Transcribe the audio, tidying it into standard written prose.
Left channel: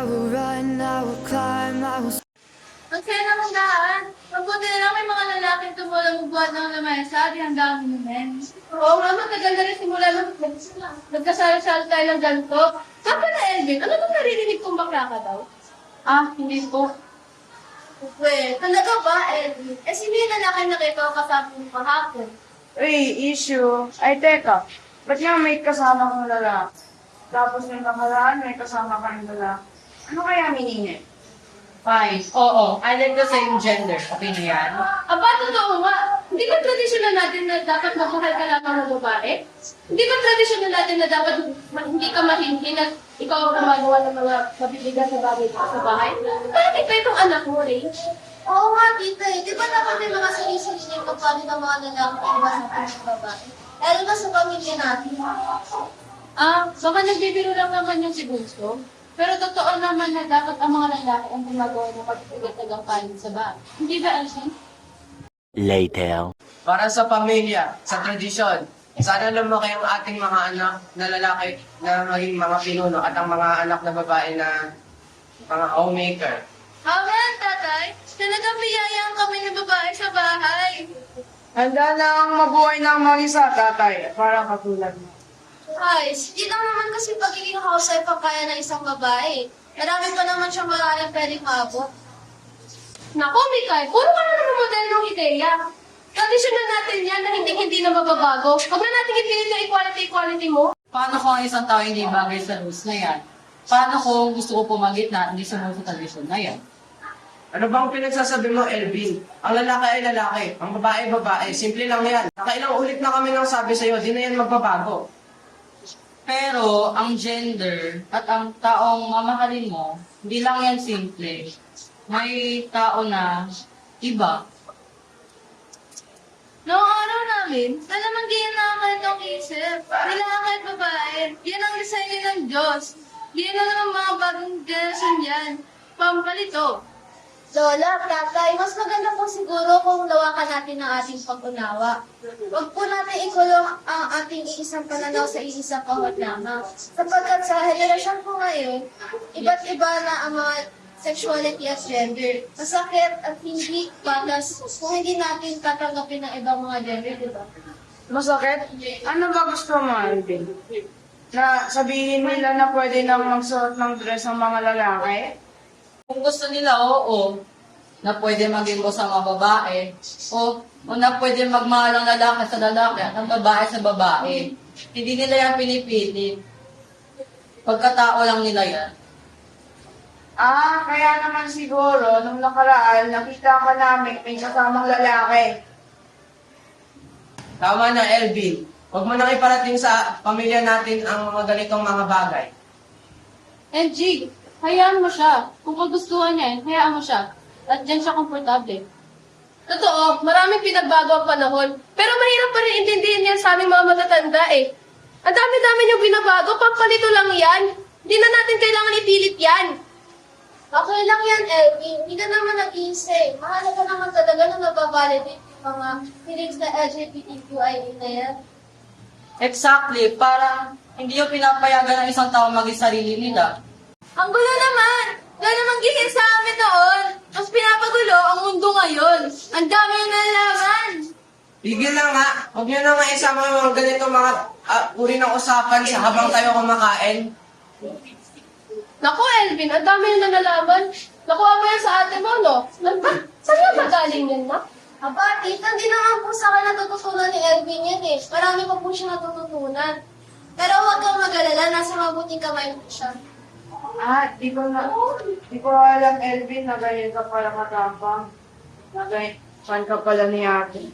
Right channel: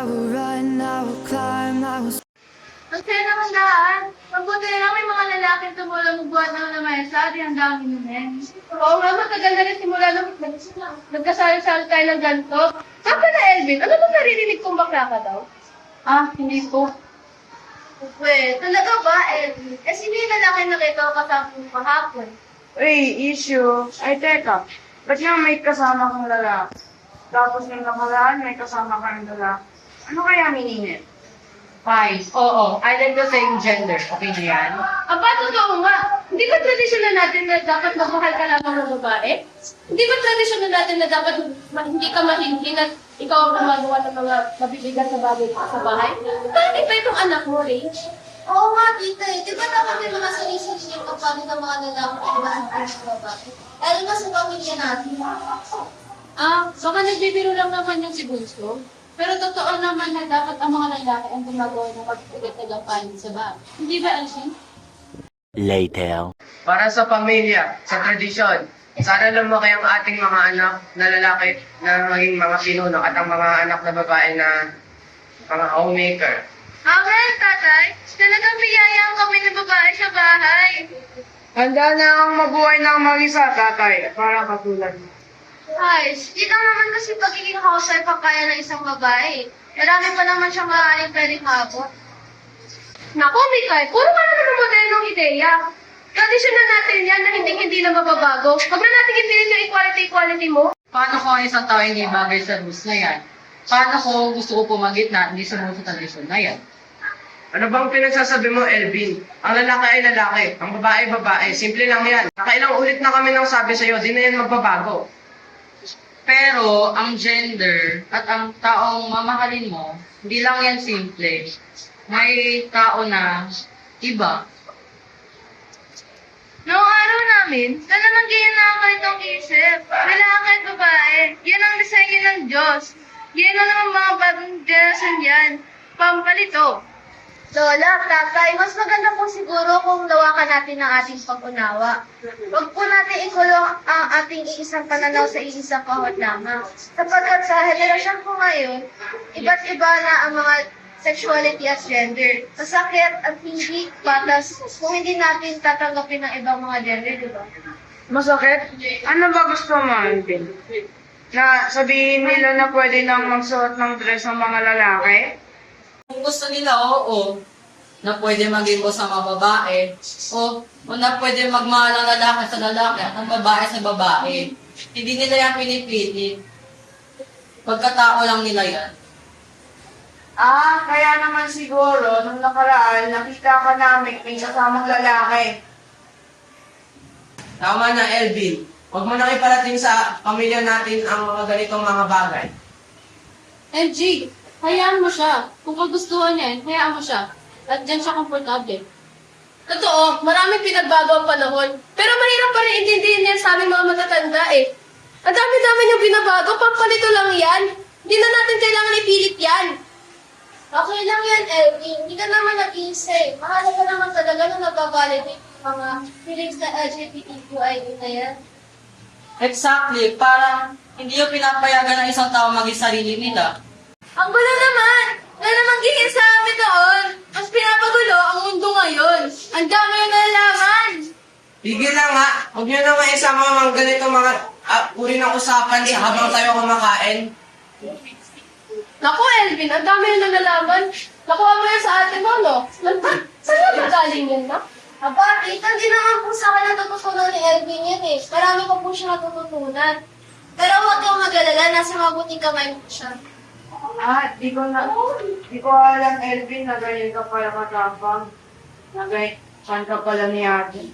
I will run, I will climb, I will... Ang saya naman daan. Mabuti na lang may mga lalaking tumulong buwan ng lamesa, di hanggang humin. Oo nga, matagal na rin simula nung nagkasal-sal tayo ng ganito. Saan ka na, Elvin? Ano bang naririnig kong bakla ka daw? Ah, hindi po. Well, talaga ba, Elvin? Eh, sino yung lalaki nakita ko kasama mo kahapon? Uy, issue. Ay, teka. Ba't nga may kasama kang lalaki? Tapos may nakaraan, may kasama kang lalaki. Ano kaya meaning? Fine. Oo. Island ko sa yung gender. Okay na yan? Aba, totoo nga. Hindi ba tradisyon natin na dapat magmahal ka lamang ng babae? Hindi ba tradisyon natin na dapat hindi ka mahindi na ikaw ang gumagawa ng mga mabibigat na bagay sa bahay? Bakit ba itong anak mo, Rach? Oo nga, tita eh. Di ba dapat may mga sarili-sariling kapalit ng mga lalaki na iba sa babae? Lalo na sa pamilya natin. Baka nagbibiro lang naman yung si Bunso. Pero totoo naman na dapat ang mga lalaki ang gumagawa ng mabibigat na gampanin sa bahay. Hindi ba, Elsin? Later. Para sa pamilya, sa tradisyon, sana lumaki ang ating mga anak na lalaki na maging mga pinuno at ang mga anak na babae na mga homemaker. Amen, tatay. Talagang biyayaan kami ng babae sa bahay. Handa na ang mabuhay ng mag-isa, tatay, para katulad mo. Guys, di lang naman kasi pagiging housewife ang kaya ng isang babae. Marami pa naman siyang maaaring pwedeng maabot. Naku, Mikay, puro ka na naman modernong ideya. Tradisyon na natin yan na hindi na mababago. Huwag na natin ipilit yung equality mo. Paano kung ang isang tao hindi bagay sa rules na yan? Paano kung gusto ko pumagit na hindi sumunod sa tradisyon na yan? Ano bang pinagsasabi mo, Elvin? Ang lalaki ay lalaki, ang babae ay babae. Simple lang yan. Nakailang ulit na kami nang sabi sa'yo, di na yan magbabago. Pero ang gender at ang taong mamahalin mo, hindi lang yan simple. May tao na iba. Noong araw namin, talagang ganyan na ang kanilang isip. Lalaki at babae, yan ang disenyo ng Diyos. Yan na naman mga bagong generasyon yan. Pampalito. Lola, tatay, mas maganda po siguro kung lawakan natin ang ating pag-unawa. Huwag po natin ikulong ang ating iisang pananaw sa iisang kahon lamang. Sapagkat sa henerasyon po ngayon, iba't iba na ang mga sexuality at gender. Masakit at hindi patas kung hindi natin tatanggapin ng ibang mga gender, di ba? Masakit? Ano ba gusto mo, Alvin? Na sabihin nila na pwede nang magsuot ng dress ang mga lalaki? Kung gusto nila, oo, na pwede maging boss ang mga babae, o na pwede magmahal ang lalaki sa lalaki at ang babae sa babae. Hindi nila yan pinipilit. Pagkatao lang nila yan. Ah, kaya naman siguro, nung nakaraan, nakita ka namin may kasamang lalaki. Tama na, Elvin. Huwag mo nang iparating sa pamilya natin ang mga ganitong mga bagay. MG, hayaan mo siya. Kung kagustuhan niya yan, hayaan mo siya. At dyan siya komportable. Totoo, maraming pinagbago ang panahon. Pero mahirap pa rin intindihin niya sa aming mga matatanda eh. Ang dami-dami niyong binabago, pampalito lang yan. Hindi na natin kailangan ipilit yan. Okay lang yan, Elvin. Hindi ka naman nag-iisay. Mahalaga naman talaga na nagbabalidate yung mga feelings na LGBTQIA na yan. Exactly, para hindi yung pinapayagan ng isang tao maging sarili nila. Ang gulo naman! Wala namang ganyan sa amin doon. Mas pinapagulo ang mundo ngayon. Ang dami na nalaman. Tigil lang nga. Huwag niyo na nga isama mga ganitong mga uri ng usapan habang tayo kumakain. Naku, Elvin, ang dami na nalaman. Nakuha mo yan sa ate mo, no? Saan ba galing yan, na? Aba, tita, hindi naman po sa akin natututunan ni Elvin yan eh. Marami pa po siya natututunan. Pero huwag kang mag-alala, nasa mabuting kamay po siya. Ah, di ko alam, Elvin, na ganyan ka pala katapang. Na ganyan ka pala ni ate.